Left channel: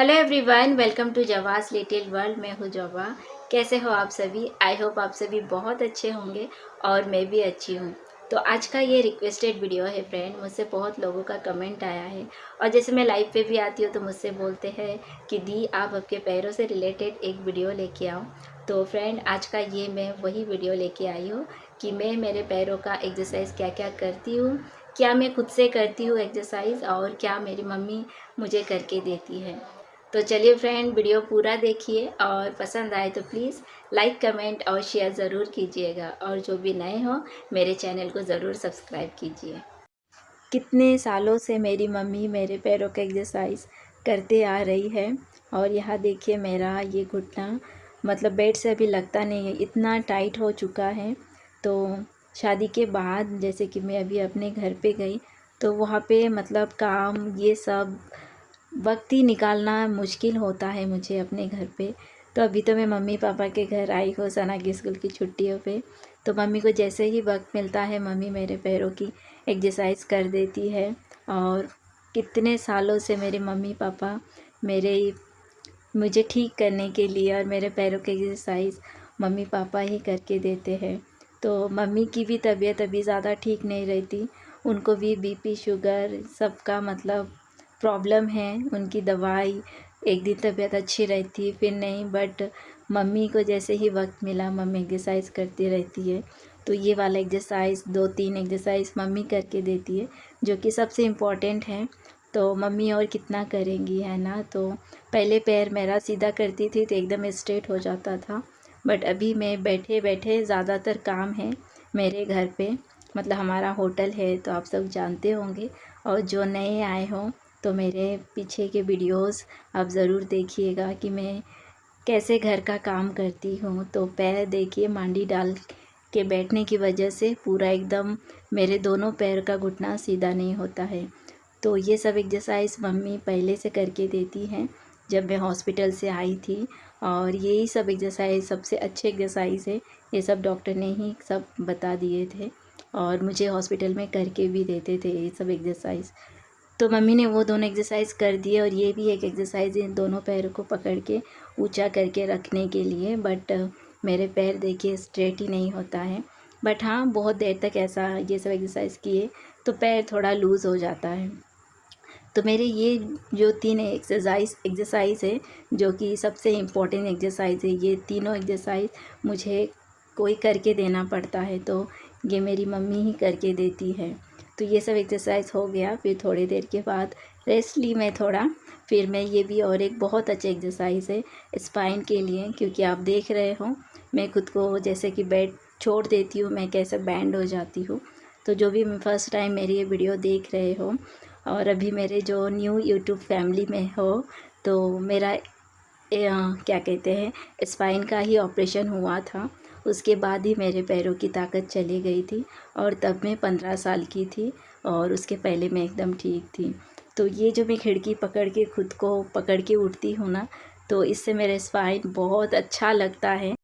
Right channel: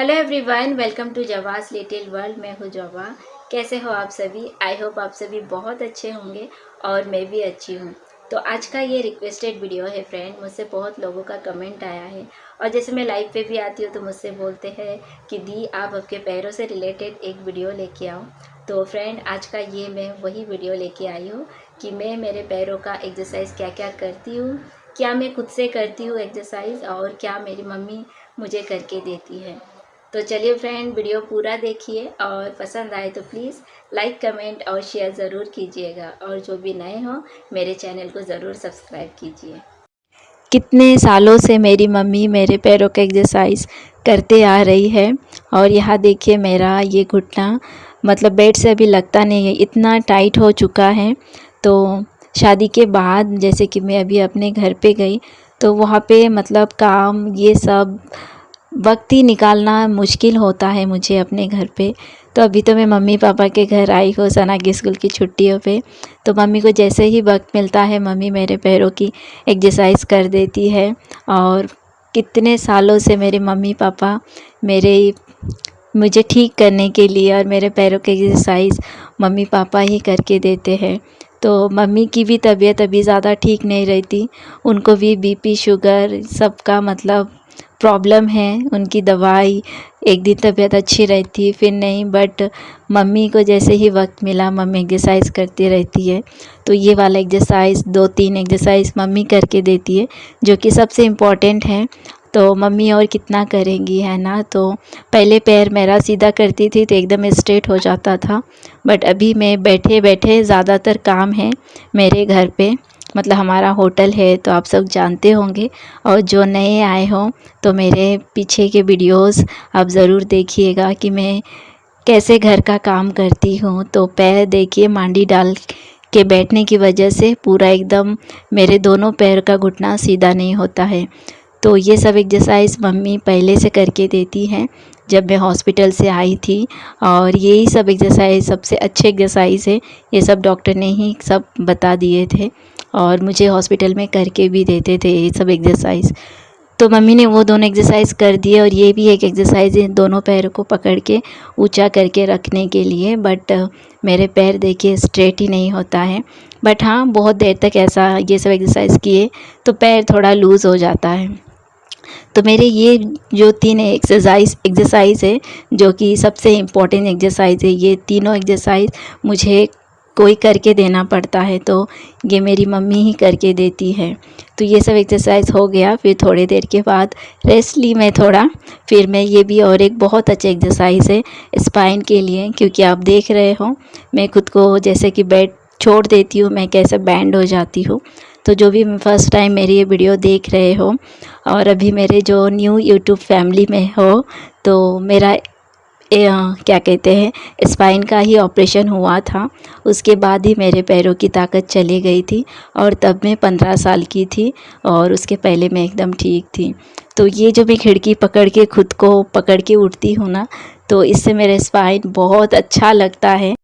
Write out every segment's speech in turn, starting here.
Hello everyone, welcome to Jawa's little world. मैं हूँ जवा। कैसे हो आप सभी? आई होप आप सभी बहुत अच्छे होंगे और मैं भी अच्छी हूँ। तो आज का ये रिक्वेस्टेड वीडियो है फ्रेंड। मुझसे बहुत लोगों का कमेंट आया है और जैसे मैं लाइव पे भी आती हूँ तो मुझसे बोलते हैं कि दी आप आपके पैरों से रिलेटेड एक वीडियो लेके आओ। तो फ्रेंड आज का ये मैं वही वीडियो लेके आई हूँ कि मैं मेरे पैरों का एक्सरसाइज क्या क्या करती हूँ, क्या मैं खुद से करती हूँ एक्सरसाइज और क्या मेरी मम्मी मुझे करके देती है। तो चलिए फ्रेंड, वीडियो पूरा देखिए और पसंद आए तो प्लीज़ लाइक कमेंट और शेयर ज़रूर कीजिएगा और जो भी नए हो मेरे चैनल को ज़रूर सब्सक्राइब कीजिए। कितने सालों से मेरी मम्मी मेरे पैरों का एक्सरसाइज करते आ रही है और यहाँ देखिए मेरा ये घुटना मतलब बेड से अभी लगता नहीं है, इतना टाइट हो चुका है। तो शादी के बाद जैसे कि मैं अभी अपने घर पे गई तो वहाँ पे मतलब काम ये सब वक्त ही निकालना मुश्किल होता है मुझे अपने घर पे। तो अभी तो मैं मम्मी पापा के घर आई हूँ सना की स्कूल की छुट्टियों पे। तो मम्मी को जैसे ही वक्त मिलता है मम्मी मेरे पैरों की एक्सरसाइज कर देती है। और कितने सालों से मेरे मम्मी पापा मेरे मुझे ठीक करने के लिए और मेरे पैरों की एक्सरसाइज मम्मी पापा ही करके देते हैं। तो मम्मी की भी तबीयत अभी ज़्यादा ठीक नहीं रहती, उनको भी बीपी शुगर सबका मतलब प्रॉब्लम है। उनकी दवाई एक दिन तबीयत अच्छी रहती फिर नहीं, बट मम्मी को जैसे ही वक्त मिला मम्मी एक्सरसाइज करती रहती है। तो ये वाला एक्सरसाइज 2-3 एक्सरसाइज मम्मी करके देती है जो कि सबसे इम्पॉर्टेंट है। तो मम्मी और कितना करेंगी, है ना। तो पहले पैर मेरा सीधा करती थी तो एकदम स्ट्रेट हो जाता था, बट अभी मैं बैठे बैठे ज़्यादातर काम है मेरे घर पे, मतलब हमारा होटल है तो आप सब जानते होंगे। और जो नए आए हों तो मेरे पीछे के वीडियोस आप ज़रूर देखिएगा कि मैं कैसे घर का काम करती हूँ। तो पैर देखिए मांडी डाल के बैठने की वजह से पूरा एकदम मेरे दोनों पैर का घुटना सीधा नहीं होता है। तो ये सब एक्सरसाइज मम्मी पहले से करके देती हैं जब मैं हॉस्पिटल से आई थी। और यही सब एक्सरसाइज सबसे अच्छे एक्सरसाइज है, ये सब डॉक्टर ने ही सब बता दिए थे और मुझे हॉस्पिटल में करके भी देते थे ये सब एक्सरसाइज। तो मम्मी ने वो दोनों एक्सरसाइज कर दिए और ये भी एक एक्सरसाइज है दोनों पैरों को पकड़ के ऊंचा करके रखने के लिए। बट मेरे पैर देखिए स्ट्रेट ही नहीं होता है। बट हाँ, बहुत देर तक ऐसा ये सब एक्सरसाइज किए तो पैर थोड़ा लूज़ हो जाता है। तो मेरे ये जो 3 एक्सरसाइज है जो कि सबसे इम्पोर्टेंट एक्सरसाइज है, ये तीनों एक्सरसाइज मुझे कोई करके देना पड़ता है, तो ये मेरी मम्मी ही करके देती है। तो ये सब एक्सरसाइज हो गया, फिर थोड़ी देर के बाद रेस्ट ली मैं थोड़ा। फिर मैं ये भी और एक बहुत अच्छा एक्सरसाइज है स्पाइन के लिए, क्योंकि आप देख रहे हो मैं खुद को जैसे कि बेड छोड़ देती हूँ मैं कैसे बैंड हो जाती हूँ। तो जो भी फर्स्ट टाइम मेरी ये वीडियो देख रहे हो और अभी मेरे जो न्यू यूट्यूब फैमिली में हो, तो मेरा क्या कहते हैं स्पाइन का ही ऑपरेशन हुआ था। उसके बाद ही मेरे पैरों की ताकत चली गई थी और तब मैं 15 साल की थी और उसके पहले मैं एकदम ठीक थी। तो ये जो मैं खिड़की पकड़ के खुद को पकड़ के उठती हूँ ना, तो इससे मेरे स्पाइन बहुत अच्छा लगता है।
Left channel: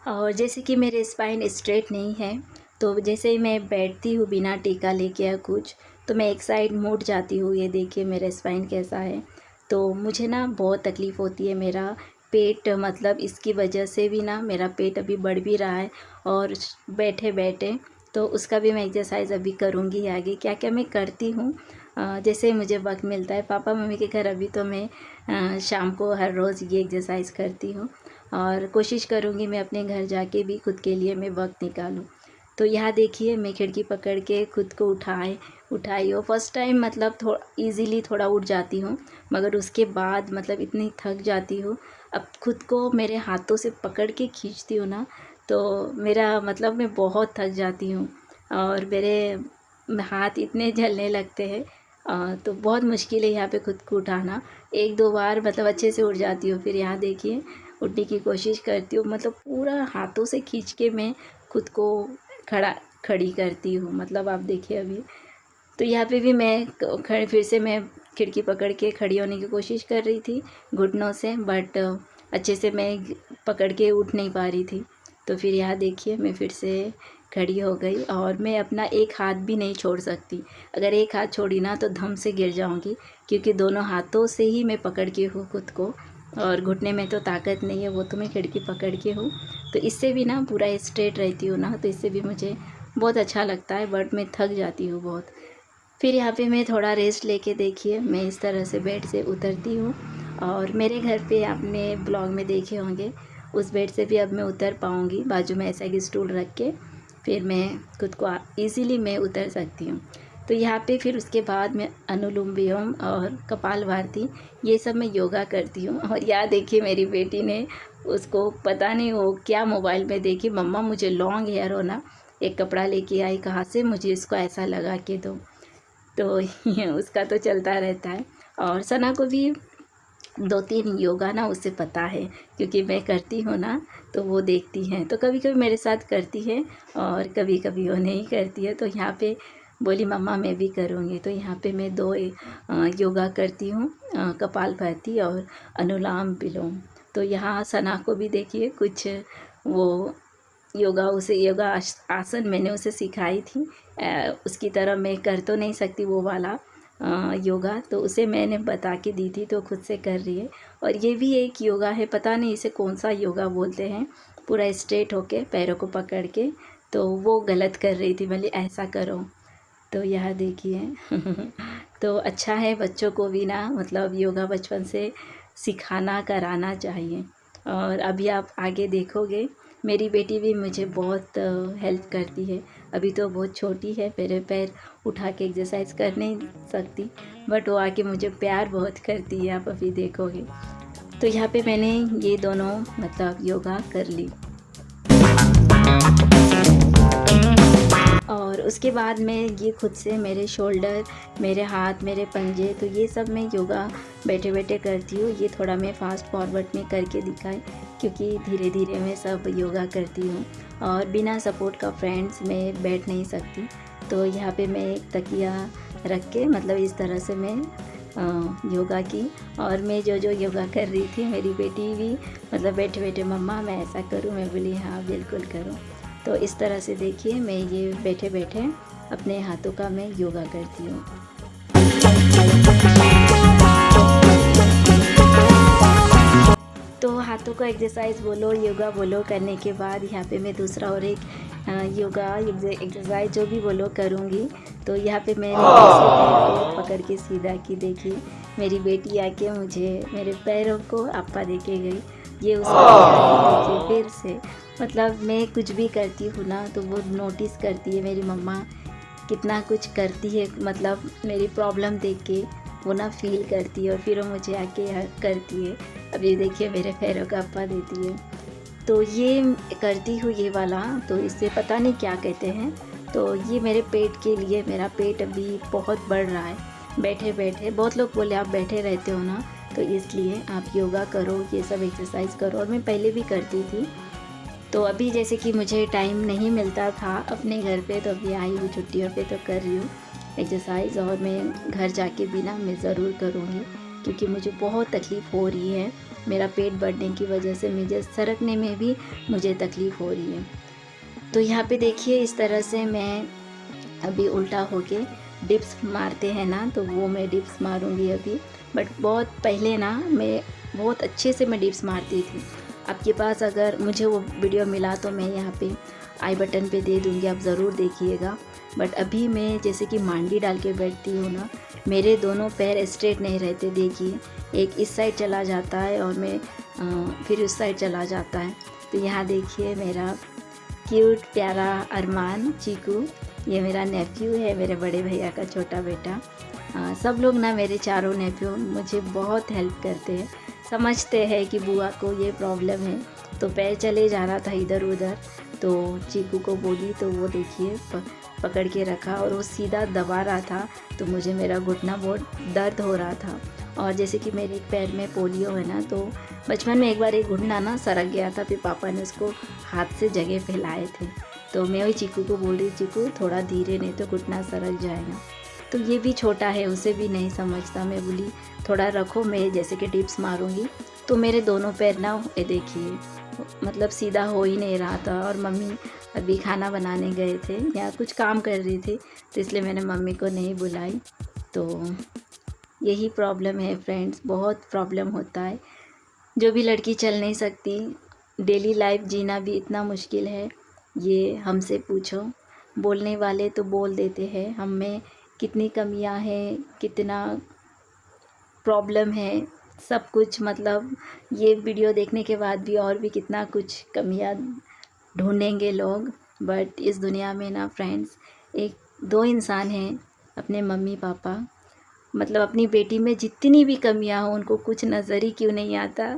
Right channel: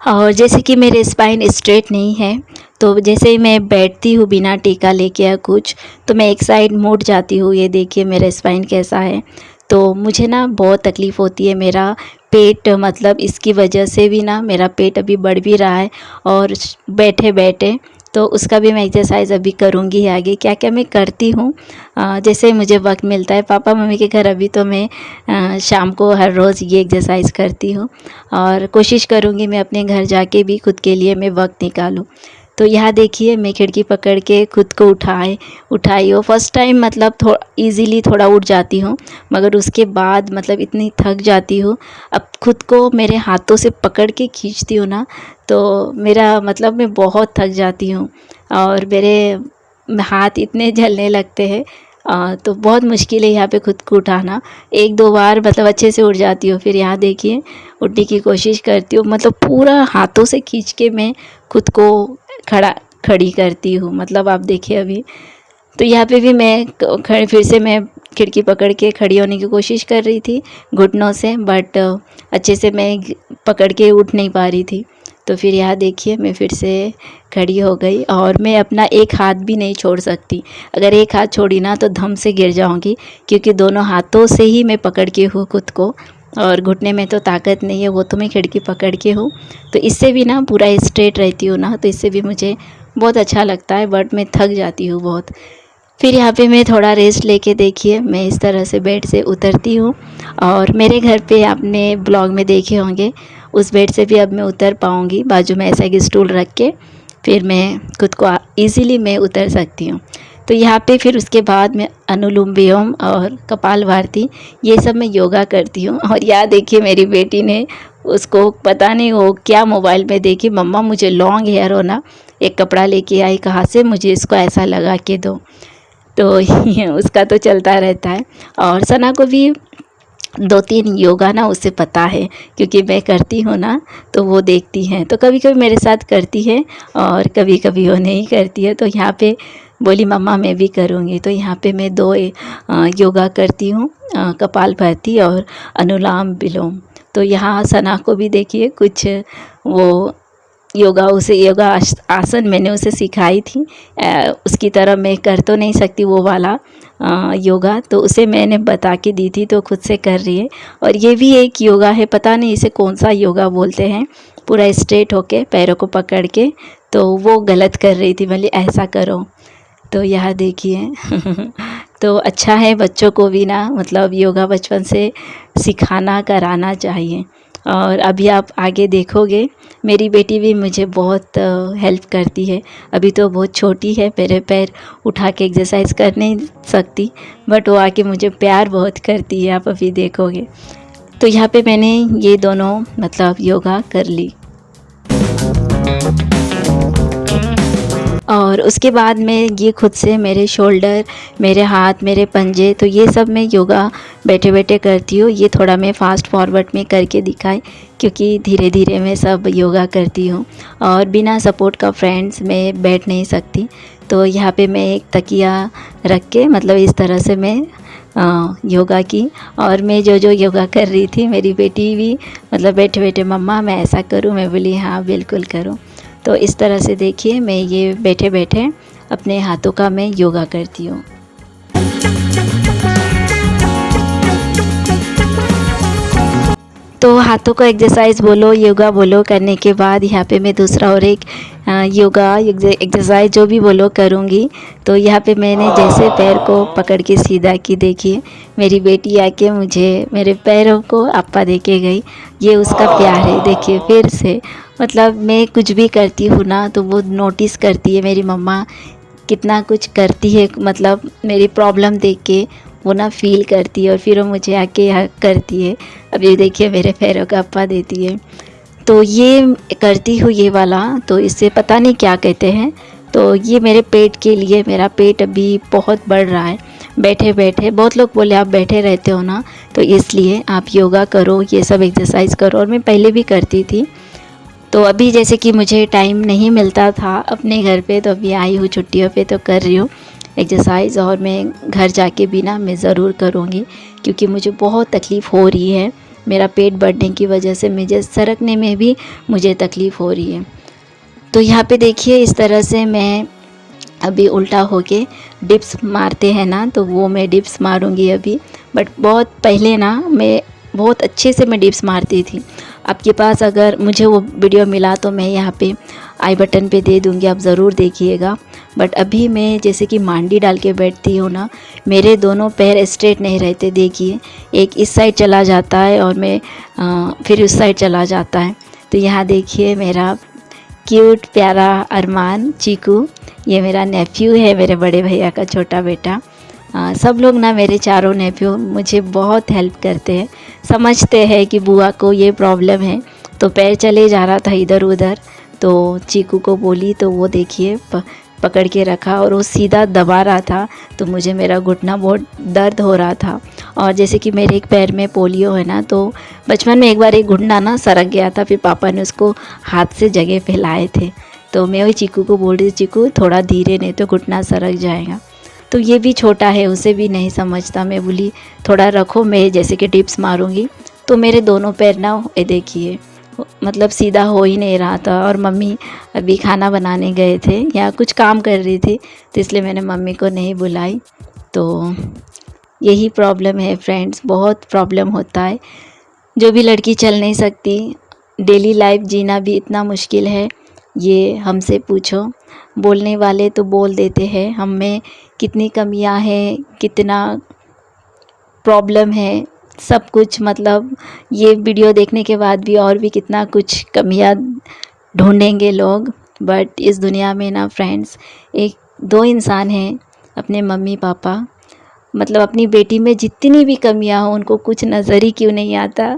और जैसे कि मेरे स्पाइन स्ट्रेट नहीं है तो जैसे ही मैं बैठती हूँ बिना टीका लेके या कुछ, तो मैं एक साइड मुड़ जाती हूँ। ये देखिए मेरा स्पाइन कैसा है। तो मुझे ना बहुत तकलीफ़ होती है, मेरा पेट मतलब इसकी वजह से भी ना मेरा पेट अभी बढ़ भी रहा है। और बैठे बैठे तो उसका भी मैं एक्सरसाइज अभी करूँगी आगे। क्या क्या मैं करती हूँ जैसे मुझे वक्त मिलता है पापा मम्मी के घर, अभी तो मैं शाम को हर रोज़ ये एक्सरसाइज करती हूँ और कोशिश करूँगी मैं अपने घर जाके भी खुद के लिए मैं वक्त निकालूँ। तो यहाँ देखिए मैं खिड़की पकड़ के खुद को उठाई हो। फर्स्ट टाइम मतलब थोड़ा ईज़िली थोड़ा उठ जाती हूँ, मगर उसके बाद मतलब इतनी थक जाती हूँ। अब खुद को मेरे हाथों से पकड़ के खींचती हूँ ना, तो मेरा मतलब मैं बहुत थक जाती हूँ और मेरे हाथ इतने जलने लगते हैं। तो बहुत मुश्किल है यहाँ पे खुद को उठाना। 1-2 बार मतलब अच्छे से उठ जाती हूँ, फिर यहाँ देखिए उठने की कोशिश करती हूँ, मतलब पूरा हाथों से खींच के मैं खुद को खड़ी करती हूँ। मतलब आप देखिए अभी तो यहाँ पे भी मैं फिर से मैं खिड़की पकड़ के खड़ी होने की कोशिश कर रही थी घुटनों से, बट अच्छे से मैं पकड़ के उठ नहीं पा रही थी। तो फिर यहाँ देखिए मैं फिर से खड़ी हो गई और मैं अपना एक हाथ भी नहीं छोड़ सकती। अगर एक हाथ छोड़ी ना तो धम से गिर जाऊंगी, क्योंकि दोनों हाथों से ही मैं पकड़ के हूँ खुद को, और घुटने में तो ताकत नहीं है, वो तो मैं खिड़की पकड़ के हूँ। तो इससे भी ना पूरा स्ट्रेट रहती हूँ ना, तो इससे भी मुझे बहुत अच्छा लगता है, बट मैं थक जाती हूँ बहुत। फिर यहाँ पे मैं थोड़ा रेस्ट लेके देखिए मैं इस तरह से बेड से उतरती हूँ। और मेरे घर पे आपने ब्लॉग में देखे होंगे, उस बेड से भी अब मैं उतर पाऊँगी। बाजू में ऐसा एक स्टूल रख के फिर मैं खुद को ईज़िली मैं उतर सकती हूँ। तो यहाँ पे फिर उसके बाद मैं अनुलोम विलोम और कपालभाति ये सब मैं योगा करती हूँ। और यहाँ देखिए मेरी बेटी ने, उसको पता नहीं वो क्या मोबाइल में देखी, मम्मा मुझे लॉन्ग हेयर हो ना, एक कपड़ा लेके आई कहाँ से, मुझे इसको ऐसा लगा के दो। तो ये उसका तो चलता रहता है। और सना को भी 2-3 योगा ना उसे पता है, क्योंकि मैं करती हूँ ना तो वो देखती हैं, तो कभी कभी मेरे साथ करती है और कभी कभी वो नहीं करती है। तो यहाँ पे बोली मम्मा मैं भी करूँगी। तो यहाँ पे मैं 2 योगा करती हूँ, कपालभाति और अनुलोम विलोम। तो यहाँ सना को भी देखिए कुछ वो योगा, उसे योगा आसन मैंने उसे सिखाई थी। उसकी तरह मैं कर तो नहीं सकती वो वाला योगा, तो उसे मैंने बता के दी थी, तो खुद से कर रही है। और ये भी एक योगा है, पता नहीं इसे कौन सा योगा बोलते हैं, पूरा स्ट्रेट होके पैरों को पकड़ के, तो वो गलत कर रही थी, बोली ऐसा करो। तो यह देखिए तो अच्छा है बच्चों को भी ना, मतलब योगा बचपन से सिखाना कराना चाहिए। और अभी आप आगे देखोगे मेरी बेटी भी मुझे बहुत हेल्प करती है। अभी तो बहुत छोटी है, मेरे पैर उठा के एक्सरसाइज कर नहीं सकती, बट वो आके मुझे प्यार बहुत करती है, आप अभी देखोगे। तो यहाँ पे मैंने ये दोनों मतलब योगा कर ली। और उसके बाद मैं ये खुद से मेरे शोल्डर, मेरे हाथ, मेरे पंजे, तो ये सब मैं योगा बैठे बैठे करती हूँ। ये थोड़ा मैं फास्ट फॉरवर्ड में करके दिखाई, क्योंकि धीरे धीरे मैं सब योगा करती हूँ और बिना सपोर्ट का फ्रेंड्स मैं बैठ नहीं सकती। तो यहाँ पे मैं एक तकिया रख के मतलब इस तरह से मैं योगा की। और मैं जो जो योगा कर रही थी, मेरी बेटी भी मतलब बैठे बैठे मम्मा मैं ऐसा करूँ, मैं बोली हाँ बिल्कुल करूँ। तो इस तरह से देखिए मैं ये बैठे बैठे अपने हाथों का मैं योगा करती हूँ। तो हाथों का एक्सरसाइज बोलो, योगा बोलो करने के बाद यहाँ पे मैं दूसरा और एक योगा एक्सरसाइज जो भी बोलो करूँगी। तो यहाँ पे मैंने जैसे पैर को पकड़ के सीधा की, देखिए मेरी बेटी आके मुझे मेरे पैरों को अप्पा दे के गई, ये उसका प्यार है। देखिए फिर से मतलब मैं कुछ भी करती हूँ ना तो वो नोटिस करती है, मेरी मम्मा कितना कुछ करती है, मतलब मेरी प्रॉब्लम देख के वो ना फील करती है और फिर वो मुझे आके हग करती है। अब ये देखिए मेरे पैरों का अप्पा देती है। तो ये करती हूँ ये वाला, तो इससे पता नहीं क्या कहते हैं। तो ये मेरे पेट के लिए, मेरा पेट अभी बहुत बढ़ रहा है बैठे बैठे। बहुत लोग बोले आप बैठे रहते हो ना, तो इसलिए आप योगा करो, ये सब एक्सरसाइज करो। और मैं पहले भी करती थी, तो अभी जैसे कि मुझे टाइम नहीं मिलता था अपने घर पे, तो अभी आई हूँ छुट्टियों पे तो कर रही हूँ एक्सरसाइज। और मैं घर जाके भी ना मैं ज़रूर करूँगी, क्योंकि मुझे बहुत तकलीफ़ हो रही है। मेरा पेट बढ़ने की वजह से मुझे सरकने में भी मुझे तकलीफ़ हो रही है। तो यहाँ पे देखिए इस तरह से मैं अभी उल्टा होके डिप्स मारते हैं ना, तो वो मैं डिप्स मारूँगी अभी। बट बहुत पहले ना मैं बहुत अच्छे से मैं डिप्स मारती थी। आपके पास अगर मुझे वो वीडियो मिला तो मैं यहाँ पे आई बटन पे दे दूँगी, आप ज़रूर देखिएगा। बट अभी मैं जैसे कि मांडी डाल के बैठती हूँ ना, मेरे दोनों पैर स्ट्रेट नहीं रहते। देखिए एक इस साइड चला जाता है और मैं फिर उस साइड चला जाता है। तो यहाँ देखिए मेरा क्यूट प्यारा अरमान चीकू, ये मेरा नेफ्यू है, मेरे बड़े भैया का छोटा बेटा। सब लोग ना मेरे चारों नेफ्यू मुझे बहुत हेल्प करते हैं, समझते हैं कि बुआ को ये प्रॉब्लम है। तो पैर चले जा रहा था इधर उधर, तो चीकू को बोली, तो वो देखिए पकड़ के रखा और वो सीधा दबा रहा था। तो मुझे मेरा घुटना बहुत दर्द हो रहा था। और जैसे कि मेरे एक पैर में पोलियो है ना, तो बचपन में एक बार एक घुटना ना सरक गया था, फिर पापा ने उसको हाथ से जगह पे लाए थे। तो मैं वही चीकू को बोल रही, चीकू थोड़ा धीरे, नहीं तो घुटना सरक जाएगा। तो ये भी छोटा है, उसे भी नहीं समझता। मैं बोली थोड़ा रखो, मैं जैसे कि डिप्स मारूंगी। तो मेरे दोनों पैर ना ये देखिए मतलब सीधा हो ही नहीं रहा था। और मम्मी अभी खाना बनाने गए थे या कुछ काम कर रही थी, तो इसलिए मैंने मम्मी को नहीं बुलाई। तो यही प्रॉब्लम है फ्रेंड्स, बहुत प्रॉब्लम होता है। जो भी लड़की चल नहीं सकती, डेली लाइफ जीना भी इतना मुश्किल है, ये हमसे पूछो। बोलने वाले तो बोल देते हैं, हम में कितनी कमियां हैं, कितना प्रॉब्लम है, सब कुछ। मतलब ये वीडियो देखने के बाद भी और भी कितना कुछ कमियां ढूंढेंगे लोग। बट इस दुनिया में ना फ्रेंड्स, एक दो इंसान हैं, अपने मम्मी पापा। मतलब अपनी बेटी में जितनी भी कमियां हो उनको कुछ नज़र ही क्यों नहीं आता।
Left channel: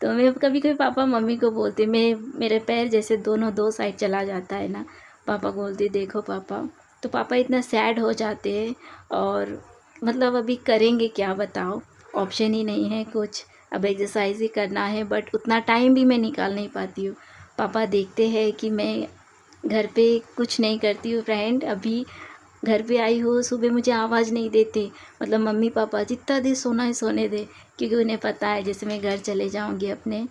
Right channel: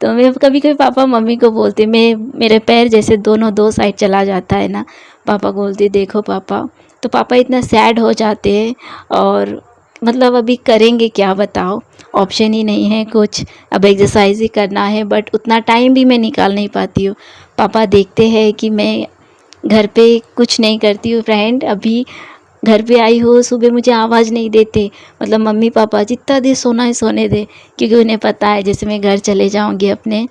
तो मैं कभी कभी पापा मम्मी को बोलती, मेरे पैर जैसे दोनों दो साइड चला जाता है ना, पापा को बोलती देखो पापा। तो पापा इतना सैड हो जाते हैं। और मतलब अभी करेंगे क्या बताओ, ऑप्शन ही नहीं है कुछ। अब एक्सरसाइज ही करना है, बट उतना टाइम भी मैं निकाल नहीं पाती हूँ। पापा देखते हैं कि मैं घर पे कुछ नहीं करती हूँ फ्रेंड। अभी घर पे आई हो, सुबह मुझे आवाज़ नहीं देते। मतलब मम्मी पापा जितना देर सोना है सोने दे, क्योंकि उन्हें पता है जैसे मैं घर चले जाऊंगी अपने,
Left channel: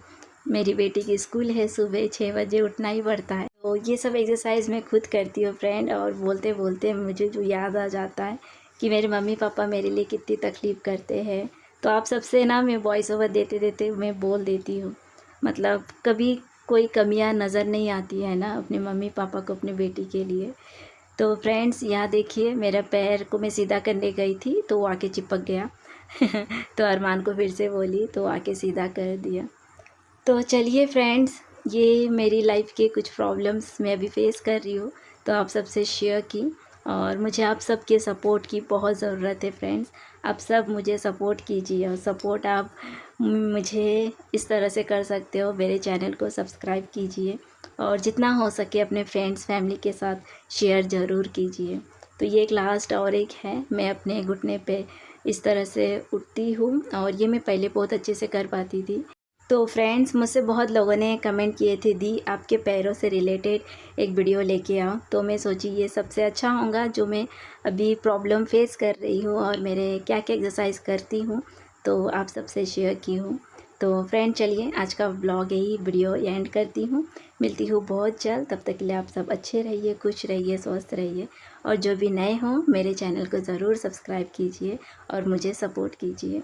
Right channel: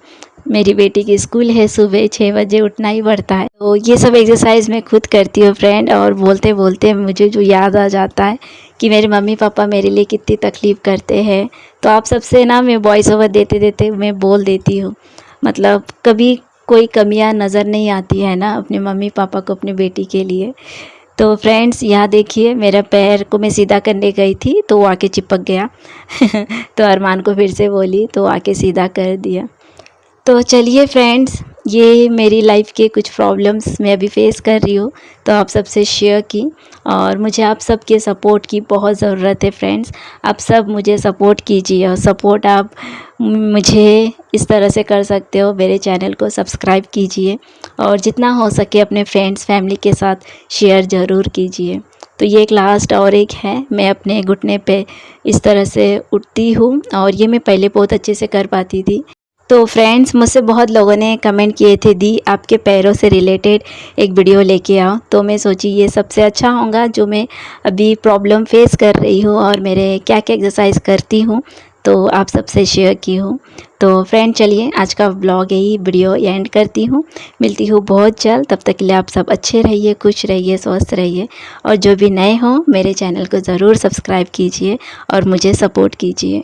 मेरी बेटी की स्कूल है, सुबह 6 बजे उठना ही पड़ता है। तो ये सब एक्सरसाइज मैं खुद करती हूँ फ्रेंड। और बोलते बोलते मुझे जो याद आ जाता है कि मेरे मम्मी पापा मेरे लिए कितनी तकलीफ़ करते हैं। तो आप सबसे ना मैं वॉइस ओवर देते देते मैं बोल देती हूँ। मतलब कभी कोई कमियां नज़र नहीं आती है ना अपने मम्मी पापा को अपनी बेटी के लिए। तो फ्रेंड्स यहाँ देखिए, मेरा पैर को मैं सीधा करने गई थी तो वो आके चिपक गया। तो अरमान को फिर से बोली तो आके सीधा कर दिया। तो चलिए फ्रेंड्स, ये मेरी लाइफ के कुछ प्रॉब्लम्स मैं अभी फेस कर रही हूँ, तो आप सबसे शेयर की। और मुझे आप सबके सपोर्ट की बहुत ज़रूरत है फ्रेंड्स। आप सब मुझे सपोर्ट कीजिए, और सपोर्ट आप मुझे इस तरह से कर सकते हो, मेरे चैनल को सब्सक्राइब कीजिए और जितना हो सके अपने फ्रेंड्स फैमिली के साथ शेयर ज़रूर कीजिए। तो ये एक लास्ट और एक है, मैं अपने घुटने पे इस तरह से उठती हूँ, और ये मैं पहले बहुत अच्छे से कर पाती थी। तो फ्रेंड्स, मुझसे बहुत लोगों ने कमेंट किए थे दी आपके पैरों से रिलेटेड एक वीडियो लेके आओ। तो मैं सोची ये सबसे अच्छा होगा जो मैं अभी प्रॉब्लम फेस कर रही हूँ और मेरे क्या क्या एक्सरसाइज करती हूँ, तो आप सबसे शेयर की हूँ। तो फ्रेंड चलिए आज का ब्लॉग यही वीडियो एंड करती हूँ। मिलती हूँ बहुत जल्द, तब तक के लिए आप सब अच्छे रहिए, खुश रहिए, स्वस्थ रहिए। और जो भी नए हों मेरे चैनल को ज़रूर सब्सक्राइब कीजिए और मुझे सपोर्ट कीजिए।